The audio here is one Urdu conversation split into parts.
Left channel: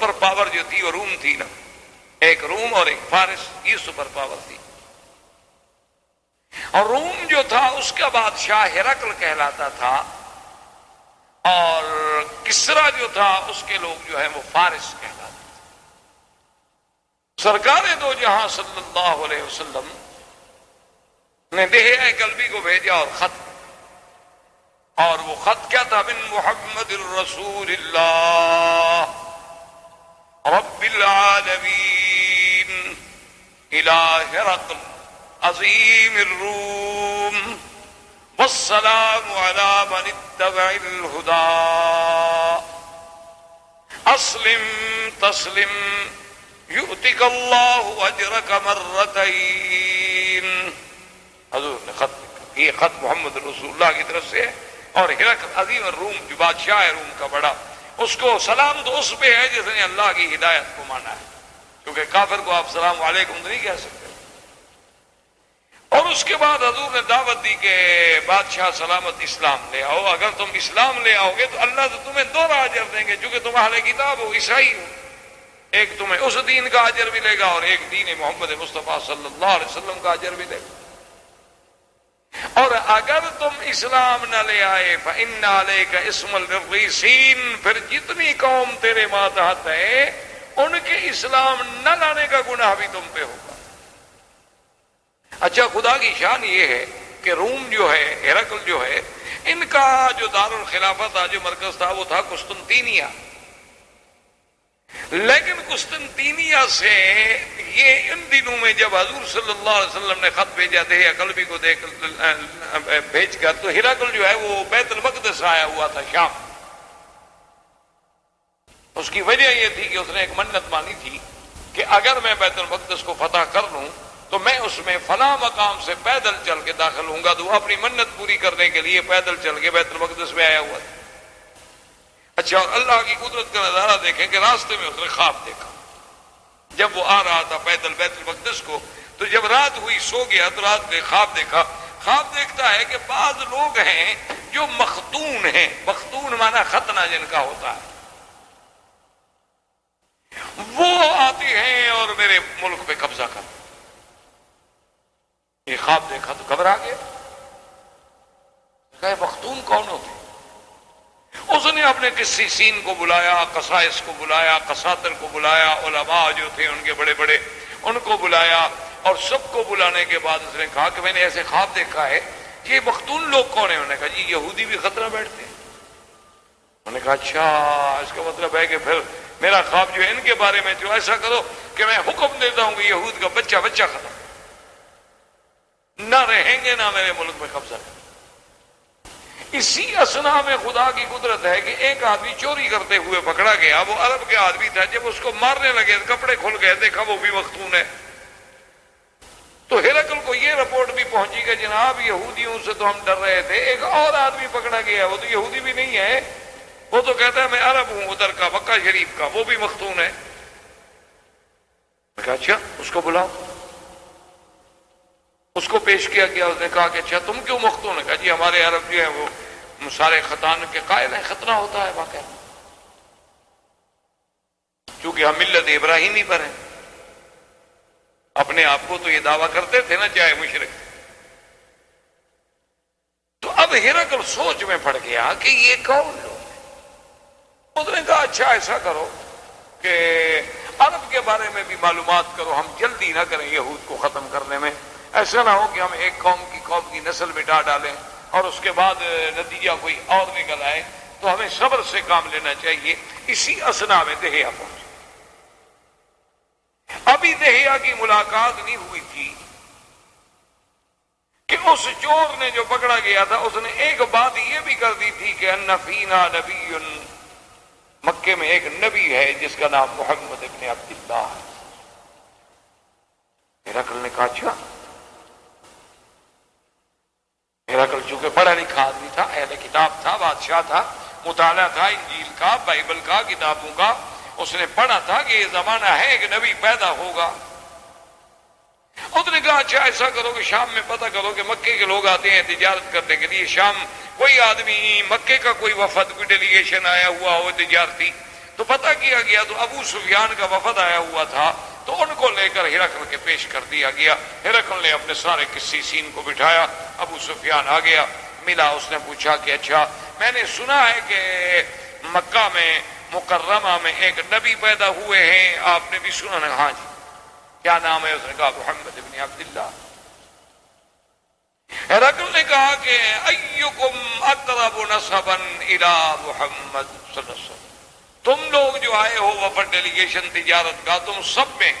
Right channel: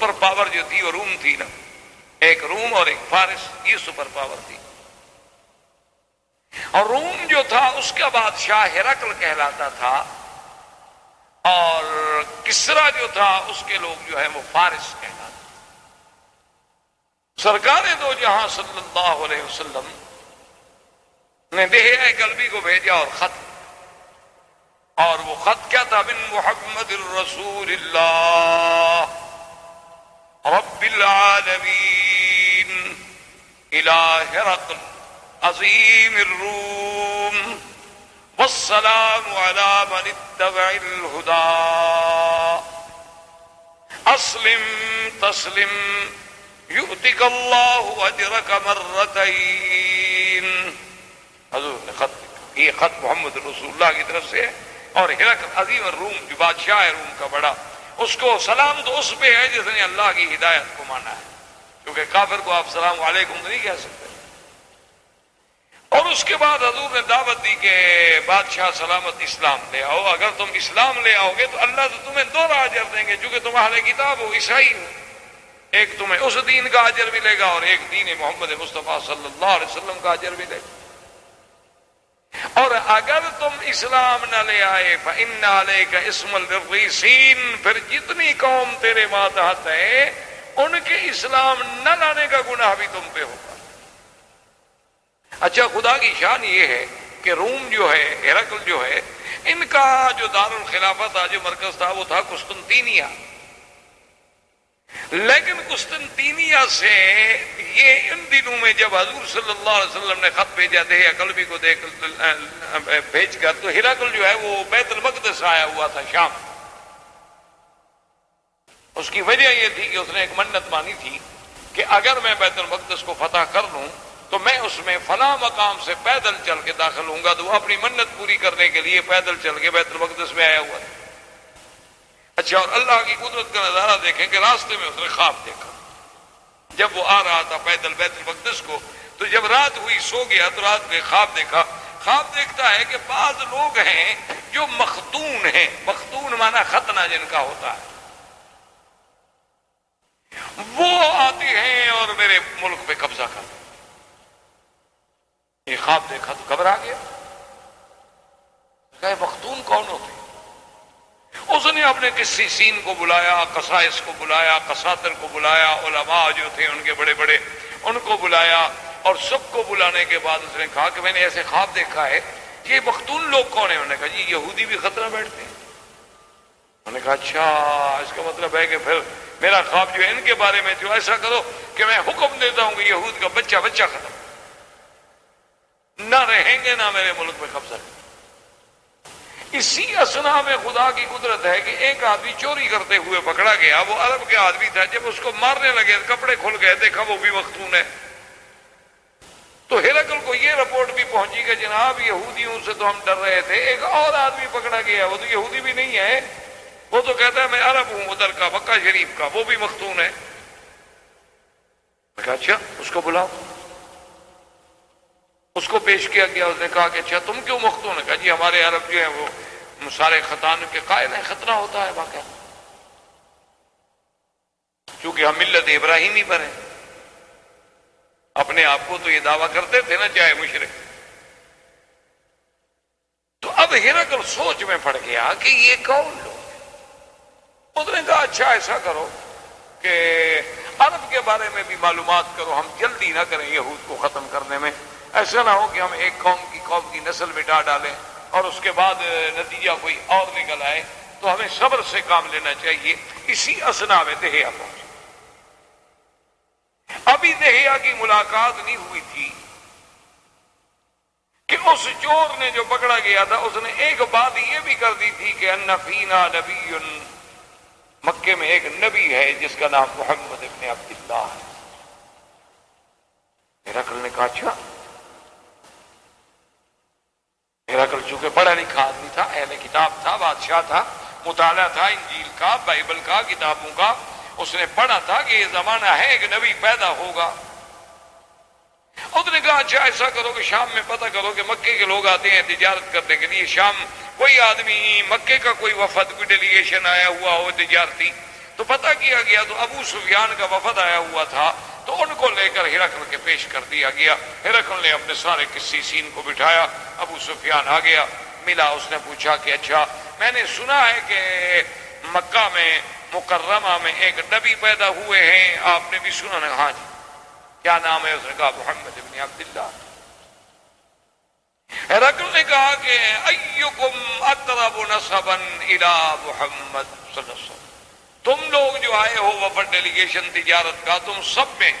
سپر پاور جو تھی وہ روم تھی نا، ایک روم اور ایک فارس، یہ سپر پاور تھی. اور روم جو تھا اس کا بادشاہ ہرقل کہلاتا تھا، اور کسرا جو تھا اس کے لوگ جو ہے وہ فارس کہلاتے تھے. سرکار دو جہاں صلی اللہ علیہ وسلم نے دہیہ قلبی کو بھیجا اور خط، اور وہ خط کیا تھا؟ من محمد الرسول اللہ رب العالمین الى ہرقل عظیم الروم والسلام علی من اتبع الہدی اسلم تسلم یؤتک اللہ اجرک مرتین. حضور نے خط لکھا، یہ خط محمد رسول اللہ کی طرف سے ہے، اور ہرقل عظیم الروم جو بادشاہ ہے روم کا بڑا، اس کو سلام تو اس پہ ہے جس نے اللہ کی ہدایت کو مانا ہے، کیونکہ کافر کو آپ سلام علیکم نہیں کہہ سکتے. اور اس کے بعد حضور نے دعوت دی کہ بادشاہ سلامت اسلام لے آؤ، اگر تم اسلام لے آؤ گے تو اللہ تو تمہیں 2 اجر دیں گے، چونکہ تم اہل کتاب ہو، عیسائی ہو. ایک تمہیں اس دین کا اجر ملے گا اور ایک دین محمد مصطفیٰ صلی اللہ علیہ وسلم کا اجر ملے گا. اور اگر تم اسلام نہ لے آئے فإن علیک اسم الرجسین، پھر جتنی قوم تیرے ماتحت ہے ان کے اسلام نہ لانے کا گناہ بھی تم پہ ہوگا. اچھا، خدا کی شان یہ ہے کہ روم جو ہے، ہرقل جو ہے، ان کا جو دارالخلافت تھا، جو مرکز تھا، وہ تھا قسطنطینیہ. لیکن قسطنطینیہ سے یہ ان دنوں میں جب حضور صلی اللہ علیہ وسلم نے خط بھیجا تھے قلبی کو بھیج کر، تو ہرقل جو ہے وہ بیت المقدس آیا ہوا تھا شام. اس کی وجہ یہ تھی کہ اس نے ایک منت مانی تھی کہ اگر میں بیت المقدس کو فتح کر لوں تو میں اس میں فلاں مقام سے پیدل چل کے داخل ہوں گا. تو وہ اپنی منت پوری کرنے کے لیے پیدل چل کے بیت المقدس میں آیا ہوا ہے. اچھا، اور اللہ کی قدرت کا نظارہ دیکھیں کہ راستے میں اس نے خواب دیکھا. جب وہ آ رہا تھا پیدل بیت المقدس کو، تو جب رات ہوئی سو گیا تو رات میں خواب دیکھا. خواب دیکھتا ہے کہ بعض لوگ ہیں جو مختون ہیں، مختون مانا ختنہ جن کا ہوتا ہے، وہ آتے ہیں اور میرے ملک پہ قبضہ کرتے ہیں. یہ خواب دیکھا تو گھبرا گیا، کہ مختون کون ہوتے؟ اس نے اپنے قسیسین کو بلایا، قسائس کو بلایا، قساطر کو بلایا، علماء جو تھے ان کے بڑے بڑے ان کو بلایا، اور سب کو بلانے کے بعد اس نے کہا کہ میں نے ایسے خواب دیکھا ہے کہ یہ مختون لوگ کون ہیں؟ انہوں نے کہا جی یہودی بھی خطرہ بیٹھتے ہیں. انہوں نے کہا اچھا، اس کا مطلب ہے کہ پھر میرا خواب جو ہے ان کے بارے میں، جو ایسا کرو کہ میں حکم دیتا ہوں کہ یہود کا بچہ بچہ ختم، نہ رہیں گے نہ میرے ملک میں قبضہ. اسی اسنا میں خدا کی قدرت ہے کہ ایک آدمی چوری کرتے ہوئے پکڑا گیا. وہ عرب کے آدمی تھا. جب اس کو مارنے لگے کپڑے کھل گئے، دیکھا وہ بھی مختون ہے. تو ہرقل کو یہ رپورٹ بھی پہنچی کہ جناب یہودیوں سے تو ہم ڈر رہے تھے، ایک اور آدمی پکڑا گیا، وہ تو یہودی بھی نہیں ہے، وہ تو کہتا ہے میں عرب ہوں ادھر کا، مکہ شریف کا، وہ بھی مختون ہے. میں کہا اچھا اس کو بلاؤ. اس کو پیش کیا گیا. اس نے کہا کہ اچھا تم کیوں مختون ہے؟ کہا جی ہمارے عرب جو ہیں وہ سارے ختان کے قائل ہیں، ختنہ ہوتا ہے واقعہ، چونکہ ہم ملت ابراہیمی پر ہیں. اپنے آپ کو تو یہ دعویٰ کرتے تھے نا چاہے مشرک. تو اب ہرقل سوچ میں پڑ گیا کہ یہ کون لوگ. اس نے کہا اچھا ایسا کرو کہ عرب کے بارے میں بھی معلومات کرو، ہم جلدی نہ کریں یہود کو ختم کرنے میں. ایسا نہ ہو کہ ہم ایک قوم کی نسل مٹا ڈالیں اور اس کے بعد نتیجہ کوئی اور نکل آئے. تو ہمیں صبر سے کام لینا چاہیے. اسی اسنا میں دہیہ پہنچے. ابھی دہیہ کی ملاقات نہیں ہوئی تھی کہ اس چور نے جو پکڑا گیا تھا اس نے ایک بات یہ بھی کر دی تھی کہ ان فینا نبی، مکے میں ایک نبی ہے جس کا نام محمد ابن عبداللہ ہے. ہرقل نے کہا اچھا. ہرقل چونکہ پڑھا لکھا آدمی تھا، اہل کتاب تھا، بادشاہ تھا، مطالعہ تھا انجیل کا، بائبل کا، کتابوں کا. اس نے پڑھا تھا کہ یہ زمانہ ہے ایک نبی پیدا ہوگا. اس نے کہا اچھا ایسا کرو کہ شام میں پتہ کرو کہ مکے کے لوگ آتے ہیں تجارت کرنے کے لیے. شام کوئی آدمی، مکے کا کوئی وفد، کوئی ڈیلیگیشن آیا ہوا ہو تجارتی، تو پتہ کیا گیا تو ابو سفیان کا وفد آیا ہوا تھا، تو ان کو لے کر ہرقل کے پیش کر دیا گیا۔ ہرقل نے اپنے سارے قسیسین کو بٹھایا، ابو سفیان آ گیا، ملا، اس نے پوچھا کہ اچھا میں نے سنا ہے کہ مکہ میں مکرمہ میں ایک نبی پیدا ہوئے ہیں، آپ نے بھی سنا ہے؟ ہاں جی۔ کیا نام ہے؟ اس نے کہا محمد ابن عبداللہ۔ ہرقل نے کہا کہ ایکم اقرب نسبا الی محمد صلی اللہ علیہ وسلم، تم لوگ جو آئے ہو وفد ڈیلیگیشن تجارت کا، تم سب میں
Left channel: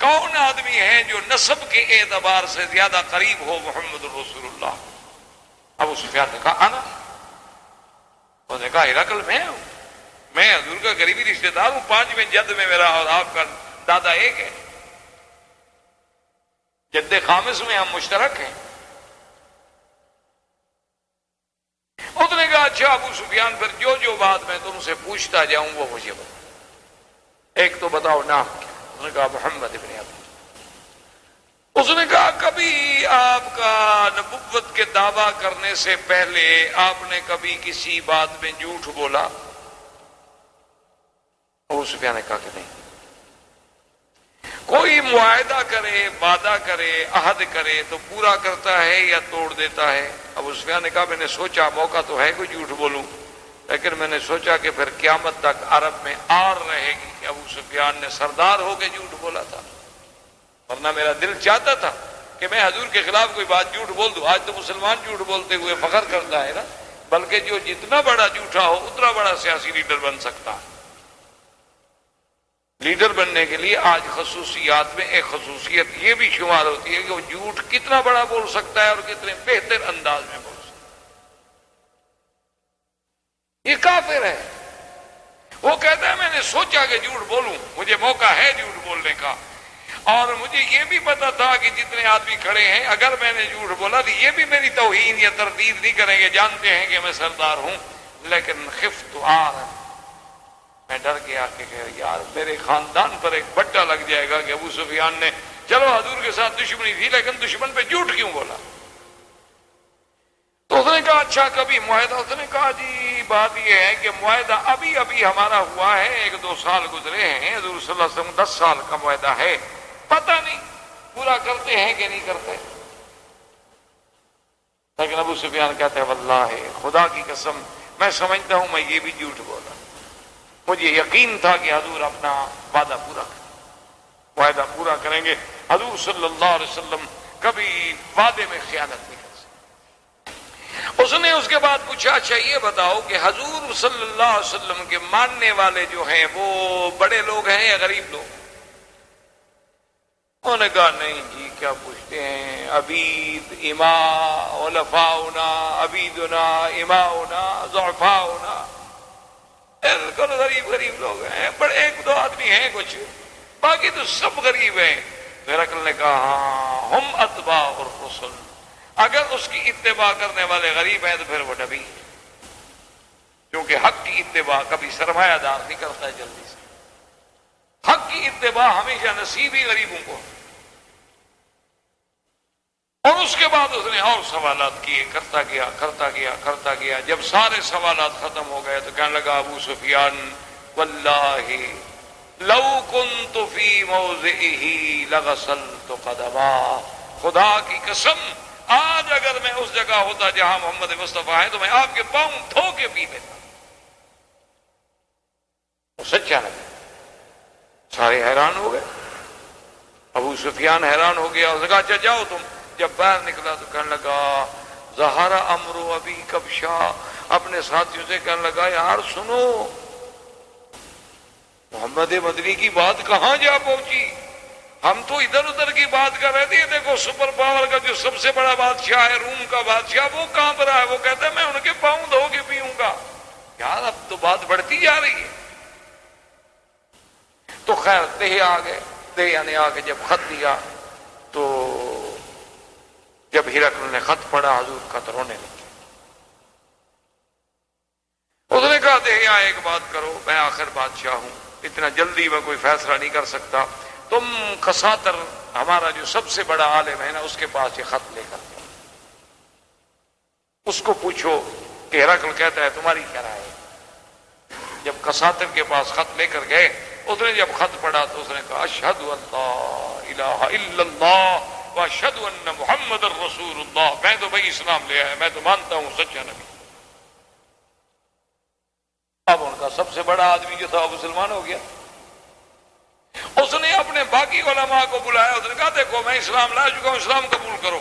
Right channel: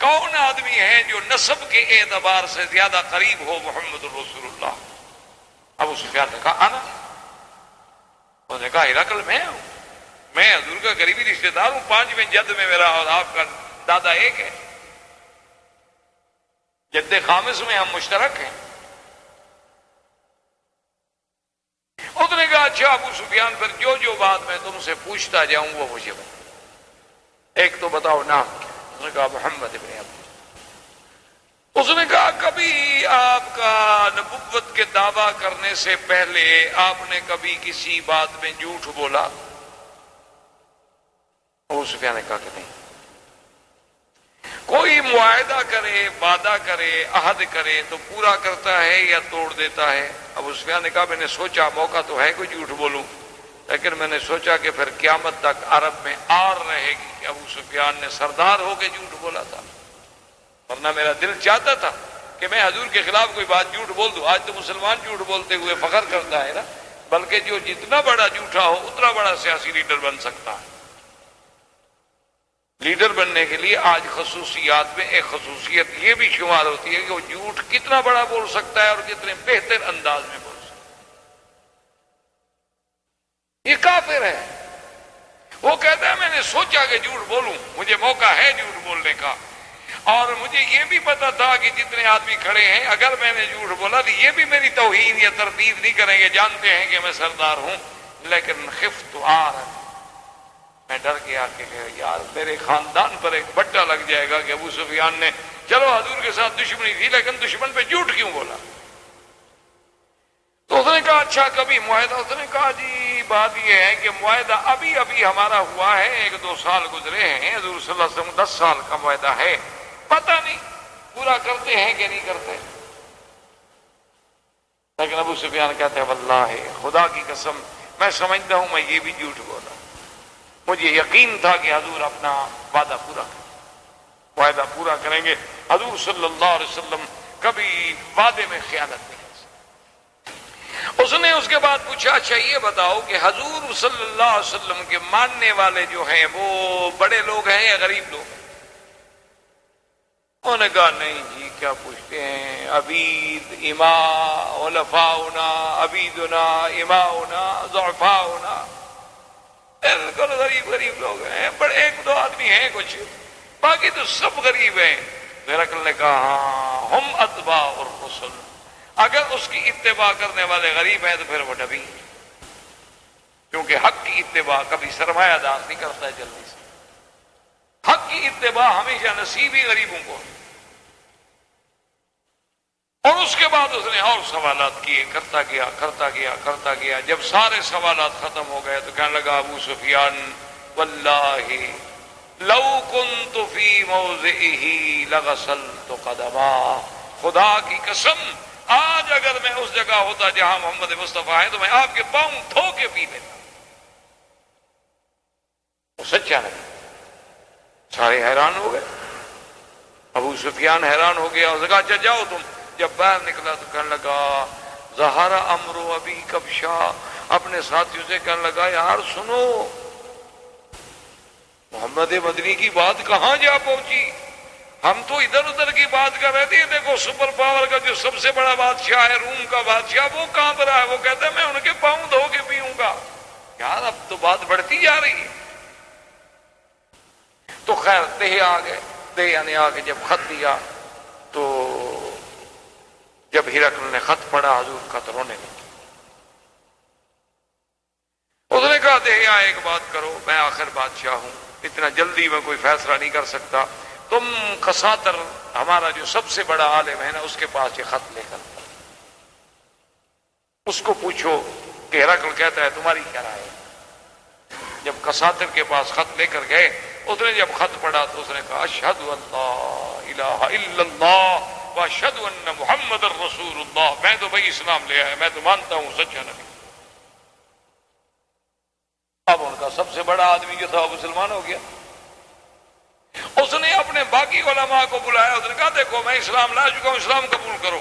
کون آدمی ہے جو نسب کے اعتبار سے زیادہ قریب ہو محمد رسول اللہ؟ ابو سفیان نے کہا انا۔ انہوں نے کہا ہرقل میں ہوں، میں حضور کا قریبی رشتے دار ہوں، 5ویں جد میں میرا اور آپ کا دادا ایک ہے، جد خامس میں ہم مشترک ہیں۔ اس نے کہا اچھا ابو سفیان، پھر جو بات میں تم سے پوچھتا جاؤں وہ مجھے بتا، ایک تو بتاؤ نام کیا؟ اس نے کہا محمد ابن عبد۔ اس نے کہا کبھی آپ کا نبوت کے دعویٰ کرنے سے پہلے آپ نے کبھی کسی بات میں جھوٹ بولا؟ ابو سفیان نے کہا کہ نہیں۔ کوئی معاہدہ کرے، وعدہ کرے، عہد کرے تو پورا کرتا ہے یا توڑ دیتا ہے؟ ابو سفیان نے کہا میں نے سوچا موقع تو ہے کوئی جھوٹ بولوں، لیکن میں نے سوچا کہ پھر قیامت تک عرب میں آر رہے گی کہ ابو سفیان نے سردار ہو کے جھوٹ بولا تھا، ورنہ میرا دل چاہتا تھا کہ میں حضور کے خلاف کوئی بات جھوٹ بول دوں۔ آج تو مسلمان جھوٹ بولتے ہوئے فخر کرتا ہے نا، بلکہ جو جتنا بڑا جھوٹا ہو اتنا بڑا سیاسی لیڈر بن سکتا ہے۔ لیڈر بننے کے لیے آج خصوصیات میں ایک خصوصیت یہ بھی شمار ہوتی ہے کہ وہ جھوٹ کتنا بڑا بول سکتا ہے اور کتنے بہتر انداز میں بول سکتا ہے۔ یہ کافر ہے، وہ کہتا ہے میں نے سوچا کہ جھوٹ بولوں، مجھے موقع ہے جھوٹ بولنے کا، اور مجھے یہ بھی پتا تھا کہ جتنے آدمی کھڑے ہیں اگر میں نے جھوٹ بولا تو یہ بھی میری توہین یا تردید نہیں کریں گے، جانتے ہیں کہ میں سردار ہوں، لیکن خفت میں ڈر گیا کہ یار میرے خاندان پر ایک بٹا لگ جائے گا کہ ابو سفیان نے چلو حضور کے ساتھ دشمنی تھی لیکن دشمن پہ جھوٹ کیوں بولا؟ تو اس نے کہا اچھا کبھی معاہدہ؟ اس نے کہا جی بات یہ ہے کہ معاہدہ ابھی ہمارا ہوا ہے، 1-2 سال گزرے ہیں، حضور صلی اللہ علیہ وسلم 10 سال کا معاہدہ ہے، پتہ نہیں پورا کرتے ہیں کہ نہیں کرتے۔ لیکن ابو سفیان کہتے ہیں واللہ خدا کی قسم میں سمجھتا ہوں میں یہ بھی جھوٹ بولا، مجھے یقین تھا کہ حضور اپنا وعدہ پورا کریں، معاہدہ پورا کریں گے، حضور صلی اللہ علیہ وسلم کبھی وعدے میں خیانت نہیں کر سکتے۔ اس نے اس کے بعد پوچھا اچھا یہ بتاؤ کہ حضور صلی اللہ علیہ وسلم کے ماننے والے جو ہیں وہ بڑے لوگ ہیں یا غریب لوگ ہیں؟ انہوں نے کہا نہیں جی کیا پوچھتے ہیں، عبید اماء علفاؤنا، عبیدنا اماؤنا ضعفاؤنا، بالکل غریب لوگ ہیں، پر 1-2 آدمی ہیں کچھ، باقی تو سب غریب ہیں۔ ہرقل نے کہا ہاں ہم اتباع الرسل، اگر اس کی اتباع کرنے والے غریب ہیں تو پھر وہ نبی ہے، کیونکہ حق کی اتباع کبھی سرمایہ دار نہیں کرتا ہے جلدی سے، حق کی اتباع ہمیشہ نصیب ہی غریبوں کو۔ اور اس کے بعد اس نے اور سوالات کیے، کرتا گیا، جب سارے سوالات ختم ہو گئے تو کہنے لگا ابو سفیان واللہ لو کنت فی موضعہ لغسلت قدما، خدا کی قسم آج اگر میں اس جگہ ہوتا جہاں محمد مصطفیٰ ہیں تو میں آپ کے پاؤں دھو کے پی لیتا۔ سچا نبی، سارے حیران ہو گئے، ابو سفیان حیران ہو گیا، اس نے کہا اچھا جاؤ تم۔ جب باہر نکلا تو کہنے لگا ظہر امر ابی کبشا، اپنے ساتھیوں سے کہنے لگا یار سنو محمد مدنی کی بات کہاں جا پہنچی، ہم تو ادھر ادھر کی بات کر رہے تھے، دیکھو سپر پاور کا جو سب سے بڑا بادشاہ ہے روم کا بادشاہ وہ کہاں پر ہے، وہ کہتا ہے میں ان کے پاؤں دھو کے پیوں گا۔ یار اب تو بات بڑھتی جا رہی ہے۔ تو خیر تہے آ گئے، یعنی آ کے جب خط دیا تو جب ہرقل نے خط پڑھا حضور خط رونے لگے۔ اس نے کہا دہیا ایک بات کرو، میں آخر بادشاہ ہوں، اتنا جلدی میں کوئی فیصلہ نہیں کر سکتا، تم کساتر ہمارا جو سب سے بڑا عالم ہے نا اس کے پاس یہ خط لے کر جاؤ، اس کو پوچھو کہ ہرقل کہتا ہے تمہاری کیا رائے ہے۔ جب کساتر کے پاس خط لے کر گئے، اس نے جب خط پڑھا تو اس نے کہا اشہد ان لا الہ الا اللہ واشہد ان محمد الرسول اللہ، میں تو بھائی اسلام لے آیا، میں تو مانتا ہوں سچا نبی۔ اب ان کا سب سے بڑا آدمی جو تھا وہ مسلمان ہو گیا۔ اس نے اپنے باقی علماء کو بلایا، اس نے کہا دیکھو میں اسلام لا چکا ہوں، اسلام قبول کرو۔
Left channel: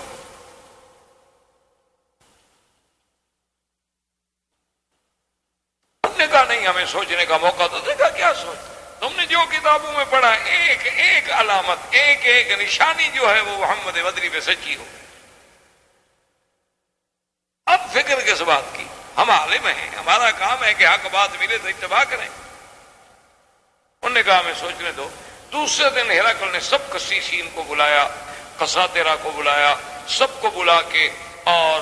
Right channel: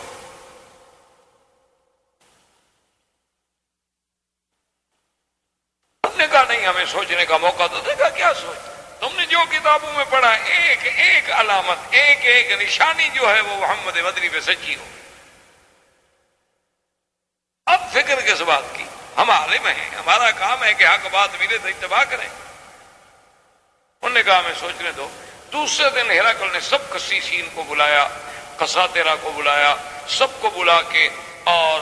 ہم نے کہا نہیں، ہمیں سوچنے کا موقع تو دے گا، کیا سوچ، تم نے جو کتابوں میں پڑھا ایک ایک علامت، ایک ایک نشانی جو ہے وہ محمد بدری پہ سچی ہو۔ اب فکر کس بات کی، ہم عالم ہیں، ہمارا کام ہے کہ حق بات ملے تو اتباع کریں۔ انہوں نے کہا ہمیں سوچنے دو۔ دوسرے دن ہرقل نے سب قسیسین کو بلایا، قساطرہ کو بلایا، سب کو بلا کے، اور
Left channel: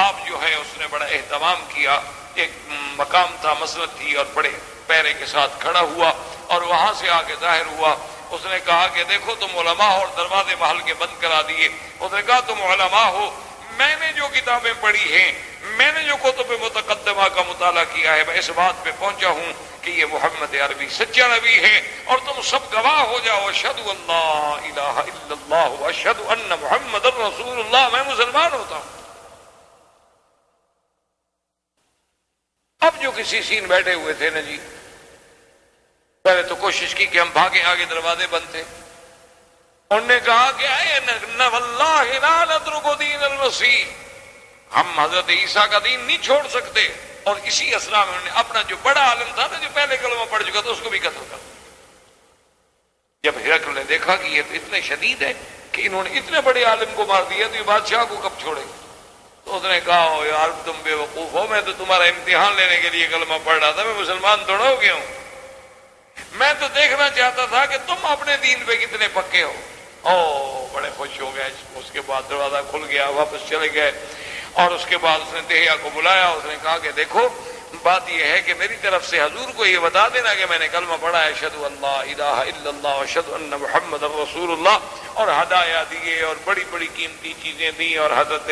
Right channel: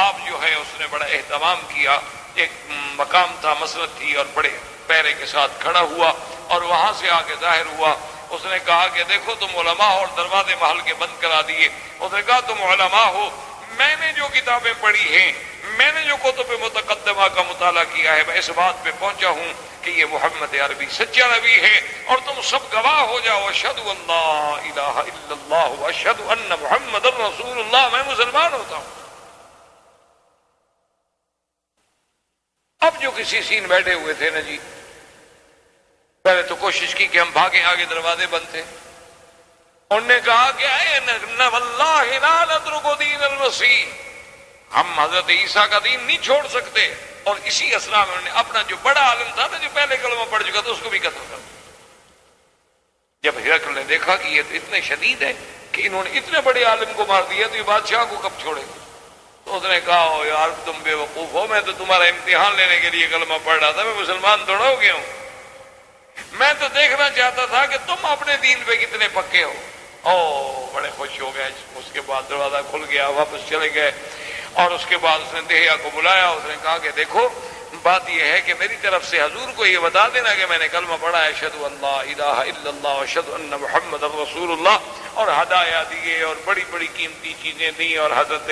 آپ جو ہے اس نے بڑا اہتمام کیا، ایک مقام تھا، مسند تھی، اور بڑے پیرے کے ساتھ کھڑا ہوا اور وہاں سے آگے ظاہر ہوا۔ اس نے کہا کہ دیکھو تم علماء ہو اور دروازے محل کے بند کرا دیے۔ اس نے کہا تم علماء ہو، میں نے جو کتابیں پڑھی ہیں، میں نے جو کتب متقدمہ کا مطالعہ کیا ہے، میں اس بات پہ پہنچا ہوں کہ یہ محمد عربی سچا نبی ہے، اور تم سب گواہ ہو جاؤ، اشہد ان لا الہ الا اللہ واشہد ان محمد الرسول اللہ، میں مسلمان ہوتا ہوں۔ اب جو کسی سین بیٹھے ہوئے تھے نا جی، پہلے تو کوشش کی کہ ہم بھاگیں، آگے دروازے بند تھے۔ انہوں نے کہا کہ واللہ لا نترک دین المسیح، ہم حضرت عیسیٰ کا دین نہیں چھوڑ سکتے۔ اور اسی اسنا میں انہوں نے اپنا جو بڑا عالم تھا نا، جو پہلے کلمہ پڑھ چکا تھا، اس کو بھی قتل کر دیا۔ جب ہرقل نے دیکھا کہ یہ تو اتنے شدید ہے کہ انہوں نے اتنے بڑے عالم کو مار دیا، تو یہ بادشاہ کو کب چھوڑے گا؟ تو اس نے کہا یار تم بے وقوف ہو، میں تو تمہارا امتحان لینے کے لیے کلمہ پڑھ رہا تھا، میں مسلمان تھوڑا ہو گیا ہوں، میں تو دیکھنا چاہتا تھا کہ تم اپنے دین پہ کتنے پکے ہو۔ او بڑے خوش ہو گئے۔ اس کے بعد دروازہ کھل گیا، واپس چلے گئے، اور اس کے بعد اس نے دہیا کو بلایا۔ اس نے کہا کہ دیکھو بات یہ ہے کہ میری طرف سے حضور کو یہ بتا دینا کہ میں نے کلمہ پڑھا ہے، اشہد ان لا الہ الا اللہ اشہد ان محمد رسول اللہ، اور ہدایہ دیے اور بڑی بڑی قیمتی چیزیں دیں، اور حضرت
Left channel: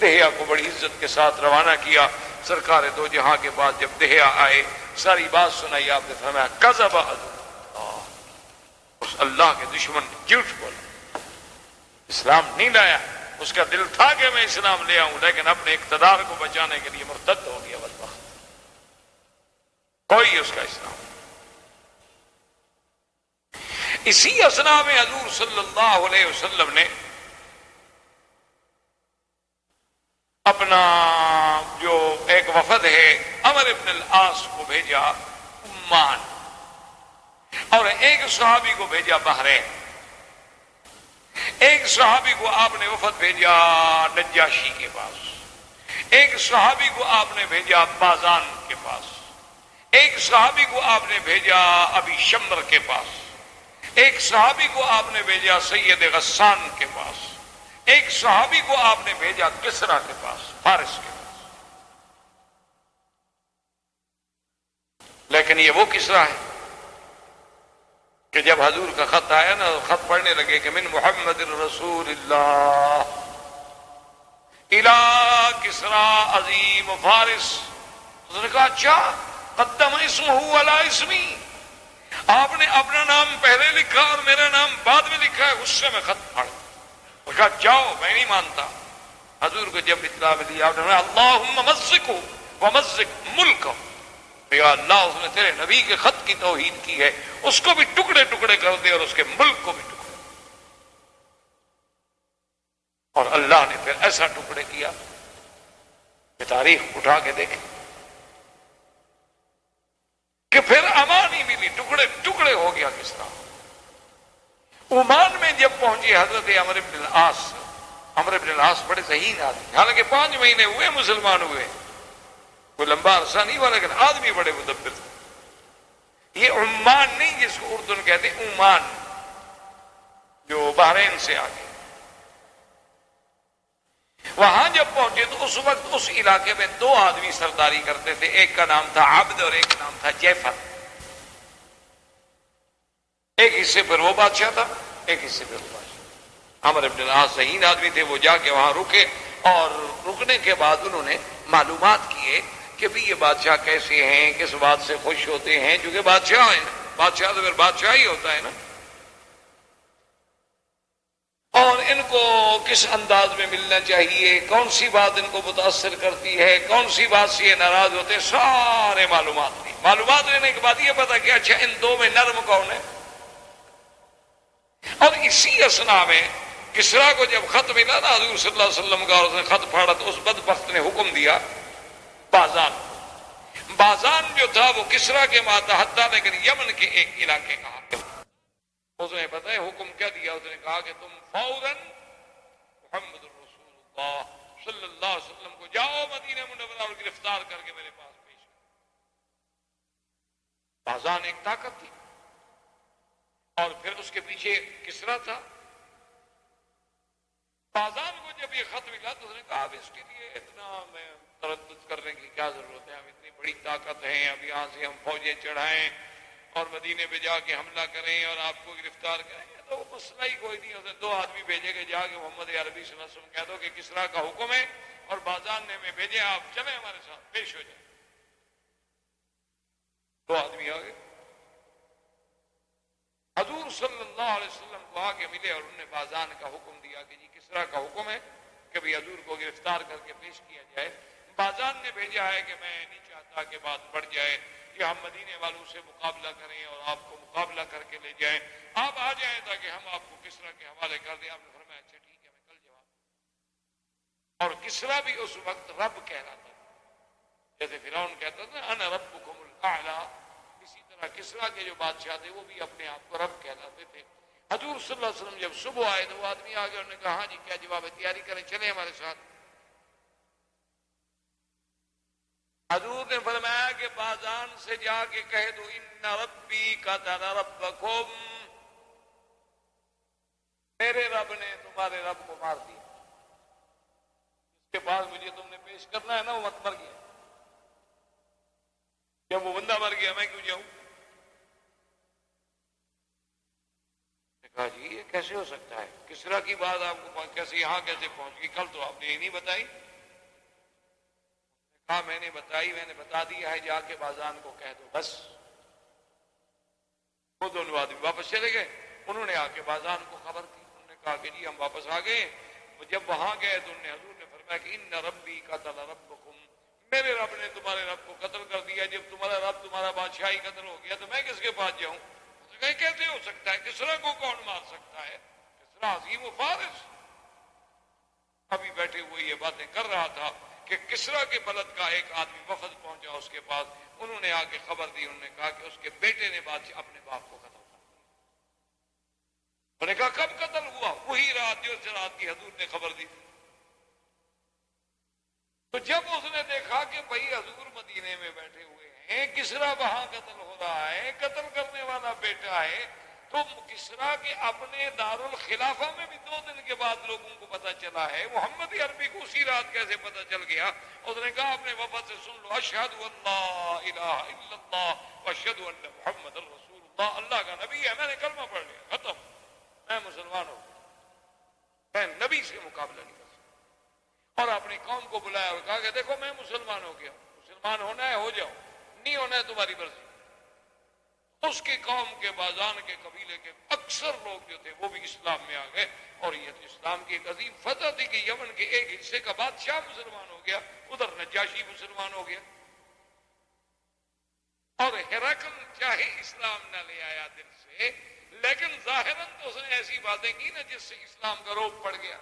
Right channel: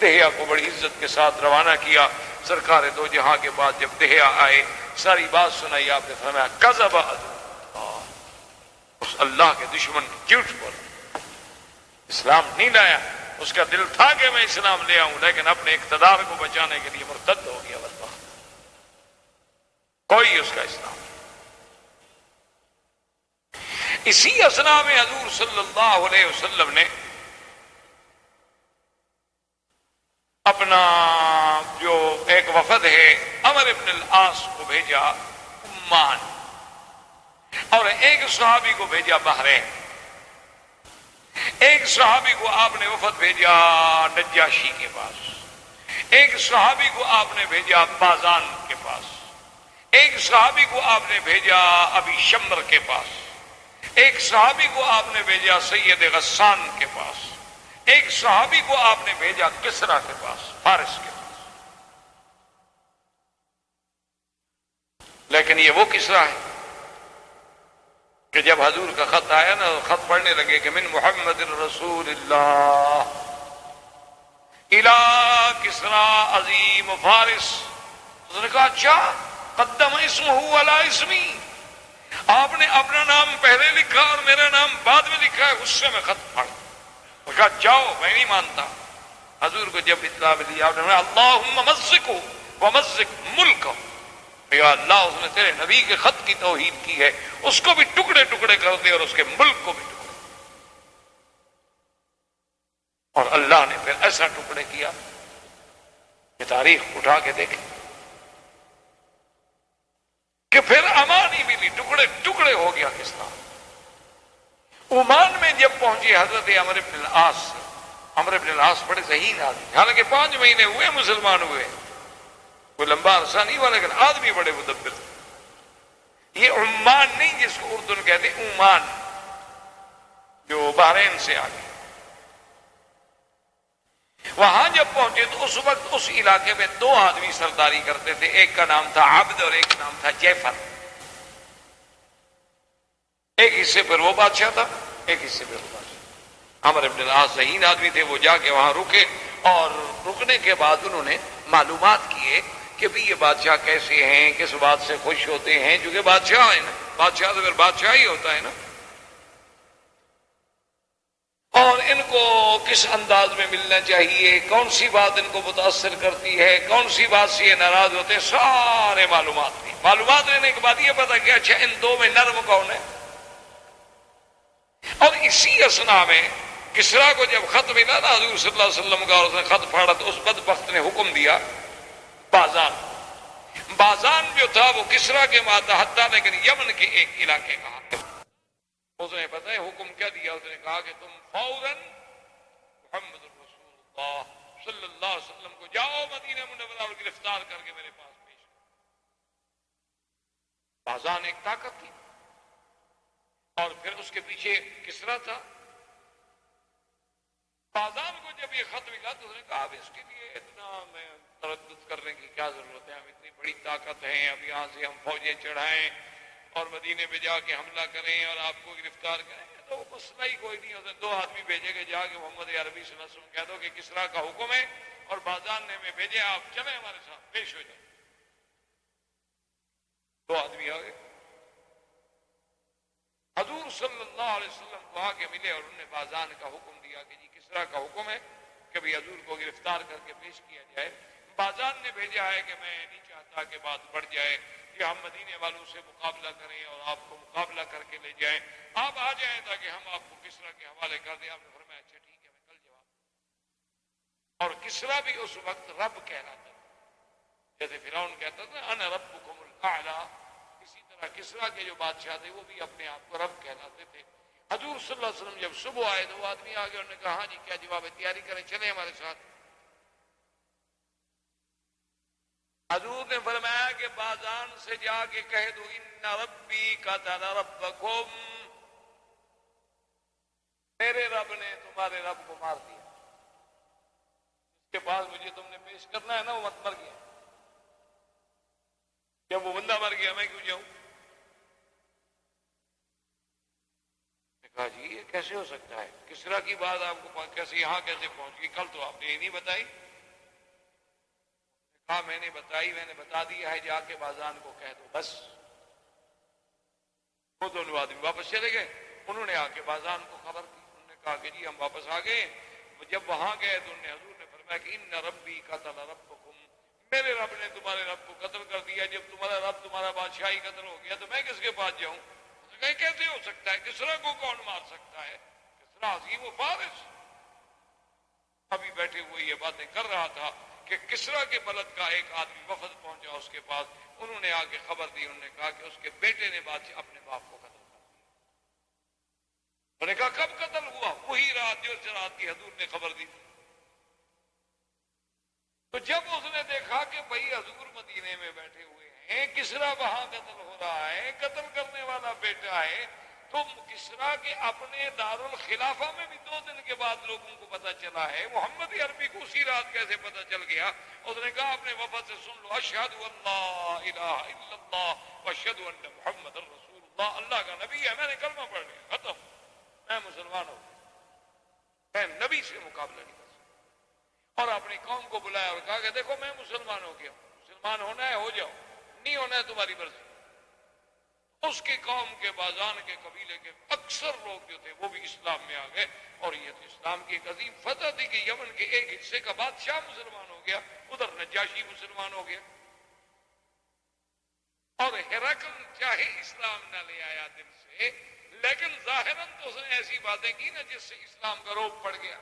دہیا کو بڑی عزت کے ساتھ روانہ کیا۔ سرکار دو جہاں کے بعد جب دہیا آئے، ساری بات سنائی، آپ نے فرمایا کذب اللہ، اس اللہ کے دشمن نے جھوٹ بولا، اسلام نہیں لایا۔ اس کا دل تھا کہ میں اسلام لے آؤں، لیکن اپنے اقتدار کو بچانے کے لیے مرتد ہو گیا، بس بات، کوئی اس کا اسلام۔ اسی اسنا میں حضور صلی اللہ علیہ وسلم نے اپنا جو ایک وفد ہے عمر ابن العاص کو بھیجا عمان، اور ایک صحابی کو بھیجا بحرین، ایک صحابی کو آپ نے وفد بھیجا نجاشی کے پاس، ایک صحابی کو آپ نے بھیجا بازان کے پاس، ایک صحابی کو آپ نے بھیجا ابی شمر کے پاس، ایک صحابی کو آپ نے بھیجا سید غسان کے پاس، ایک صحابی کو آپ نے بھیجا کسرا کے پاس، فارس کے پاس۔ لیکن یہ وہ کسرا ہے کہ جب حضور کا خط آیا نا، خط پڑھنے لگے کہ من محمد رسول اللہ الى کسرا عظیم فارس، اس نے کہا اچھا قدم اسمہ علی اسمی، آپ نے اپنا نام پہلے لکھا اور میرا نام بعد میں لکھا ہے، اس سے میں خط پڑھ۔ اس کہا جاؤ، میں نہیں مانتا۔ حضور کو جب اطلاع ملی، آپ نے فرمایا اللہم مزقہ ومزق ملکہ، یا اللہ اس نے تیرے نبی کے خط کی توہین کی ہے، اس کو بھی ٹکڑے ٹکڑے کر دے اور اس کے ملک کو بھی ٹکڑے۔ اور اللہ نے پھر ایسا ٹکڑے کیا کہ تاریخ اٹھا کے دیکھیں کہ پھر امان ہی ملی، ٹکڑے ٹکڑے ہو گیا کس طرح۔ عمان میں جب پہنچے حضرت عمر بن العاص، عمر بن العاص بڑے ذہین آدمی، حالانکہ 5 مہینے ہوئے مسلمان ہوئے، کوئی لمبا عرصہ نہیں ہوا، لیکن آدمی بڑے مدبر۔ یہ عمان نہیں جس کو اردن کہتے، عمان جو بحرین سے آگے، وہاں جب پہنچے تو اس وقت اس علاقے میں 2 آدمی سرداری کرتے تھے، ایک کا نام تھا عبد اور ایک کا نام تھا جعفر۔ ایک حصے پر وہ بادشاہ تھا، ایک حصے پر وہ بادشاہ۔ عمر بن العاص ذہین آدمی تھے، وہ جا کے وہاں رکے، اور رکنے کے بعد انہوں نے معلومات کیے کہ بھی یہ بادشاہ کیسے ہیں، کس بات سے خوش ہوتے ہیں، چونکہ بادشاہ ہیں نا، بادشاہ تو پھر بادشاہ ہی ہوتا ہے نا، اور ان کو کس انداز میں ملنا چاہیے، کون سی بات ان کو متاثر کرتی ہے، کون سی بات سے یہ ناراض ہوتے ہیں، سارے معلومات دی۔ معلومات لینے کے بعد یہ پتا کہ اچھا ان دو میں نرم کون ہے۔ اور اسی اثنا میں کسریٰ کو جب خط ملا نا حضور صلی اللہ علیہ وسلم کا، اس نے خط پھاڑا تو اس بدبخت نے حکم دیا بازان، بازان جو تھا وہ کسریٰ کے ماتحت تھا لیکن یمن کے ایک علاقے کا حاکم۔ اس نے پتہ ہے حکم کیا دیا، اس نے کہا کہ تم فوراً محمد رسول اللہ صلی اللہ علیہ وسلم کو جاؤ مدینہ منورہ اور گرفتار کر کے میرے پاس پیش کرو۔ بازان ایک طاقت تھی اور پھر اس کے پیچھے کسریٰ تھا۔ بازان کو جب یہ خط ملا تو اس نے کہا اب اس کے لیے اتنا میں تردد کرنے کی کیا ضرورت ہے، ہم اتنی بڑی طاقت ہیں، اب یہاں سے ہم فوجیں چڑھائیں اور مدینے پہ جا کے حملہ کریں اور آپ کو گرفتار کریں، تو مسئلہ ہی کوئی نہیں۔ اسے دو آدمی بھیجے کہ جا کے محمد عربی صلی اللہ علیہ وسلم کہہ دو کہ کسریٰ کا حکم ہے اور بازان نے ہمیں بھیجے، آپ چلیں ہمارے ساتھ پیش ہو جائیں۔ دو آدمی آ گئے، حضور صلی اللہ علیہ وسلم کو آ کے ملے اور انہوں نے بازان کا حکم دیا کہ جی کسریٰ کا حکم ہے کہ بھی حضور کو گرفتار کر کے پیش کیا جائے۔ بازان نے بھیجا ہے کہ میں نہیں چاہتا کہ بات بڑھ جائے، کہ ہم مدینے والوں سے مقابلہ کریں اور آپ کو مقابلہ کر کے لے جائیں، آپ آ جائیں تاکہ ہم آپ کو کسریٰ کے حوالے کر دیں۔ آپ نے فرمایا اچھا ٹھیک ہے، میں کل جواب دوں۔ اور کسریٰ بھی اس وقت رب کہلاتا تھا، جیسے فرعون کہتا تھا انا ربکم الاعلی، اسی طرح کسریٰ کے جو بادشاہ تھے وہ بھی اپنے آپ کو رب کہلاتے تھے۔ حضور صلی اللہ علیہ وسلم جب صبح آئے تو وہ آدمی آ گئے، انہوں نے کہا ہاں جی کیا جواب ہے، تیاری کریں چلیں ہمارے ساتھ۔ حضور نے فرمایا کہ بازان سے جا کے کہہ دو ان ربی قتل ربکم، میرے رب نے تمہارے رب کو مار دیا، اس کے بعد مجھے تم نے پیش کرنا ہے نا، وہ مت مر گیا، جب وہ بندہ مر گیا میں کیوں جاؤں؟ کہا جی یہ کیسے ہو سکتا ہے، کسریٰ کی بات آپ کو کیسے یہاں کیسے پہنچ گئی، کل تو آپ نے یہ نہیں بتائی۔ کہا میں نے بتائی، میں نے بتا دیا ہے، جا کے بازان کو کہہ دو بس۔ وہ دونوں آدمی واپس چلے گئے، انہوں نے آ کے بازان کو خبر کی، انہوں نے کہا کہ جی ہم واپس آ گئے۔ جب وہاں گئے تو حضور نے فرمایا کہ ان ربی قتل ربکم، میرے رب نے تمہارے رب کو قتل کر دیا، جب تمہارا رب تمہارا بادشاہ ہی قتل ہو گیا تو میں کس کے پاس جاؤں؟ کیسے ہو سکتا ہے، کسریٰ کو کون مار سکتا ہے، کسریٰ عظیم و فارس۔ ابھی بیٹھے ہوئے یہ باتیں کر رہا تھا کہ کسریٰ کے بلد کا ایک آدمی وفد پہنچا اس کے پاس، انہوں نے آ کے خبر دی، انہوں نے کہا کہ اس کے بیٹے نے اپنے باپ کو قتل کر دیا۔ انہوں نے کہا کب قتل ہوا؟ وہی رات جو رات کی حضور نے خبر دی تھی۔ تو جب اس نے دیکھا کہ بھائی حضور مدینے میں بیٹھے ہوئے ہیں، کسریٰ وہاں قتل ہو رہا ہے، قتل کرنے والا بیٹا ہے، تو کسریٰ کے اپنے دارالخلافہ میں بھی 2 دن کے بعد لوگوں کو پتا چلا ہے، محمد عربی کو اسی رات کیسے پتا چل گیا؟ اس نے کہا اپنے وفد سے سن لو، اشہد ان لا الہ الا اللہ واشہد ان محمد رسول اللہ، اللہ کا نبی ہے، میں نے کلمہ پڑھ لیا، ختم، میں مسلمان ہو گیا، میں نبی سے مقابلہ نہیں کر سکتا۔ اور اپنی قوم کو بلایا اور کہا کہ دیکھو میں مسلمان ہو گیا ہوں، مسلمان ہونا ہے ہو جاؤ، نہیں ہونا ہے تمہاری مرضی۔ اس کی قوم کے بازان کے قبیلے کے اکثر لوگ جو تھے وہ بھی اسلام میں آ گئے، اور یہ اسلام کی ایک عظیم فتح تھی کہ یمن کے ایک حصے کا بادشاہ مسلمان ہو گیا، ادھر نجاشی مسلمان ہو گیا، اور ہرقل چاہے اسلام نہ لے آیا دل سے، لیکن ظاہراً تو اس نے ایسی باتیں کی نا جس سے اسلام کا روب پڑ گیا۔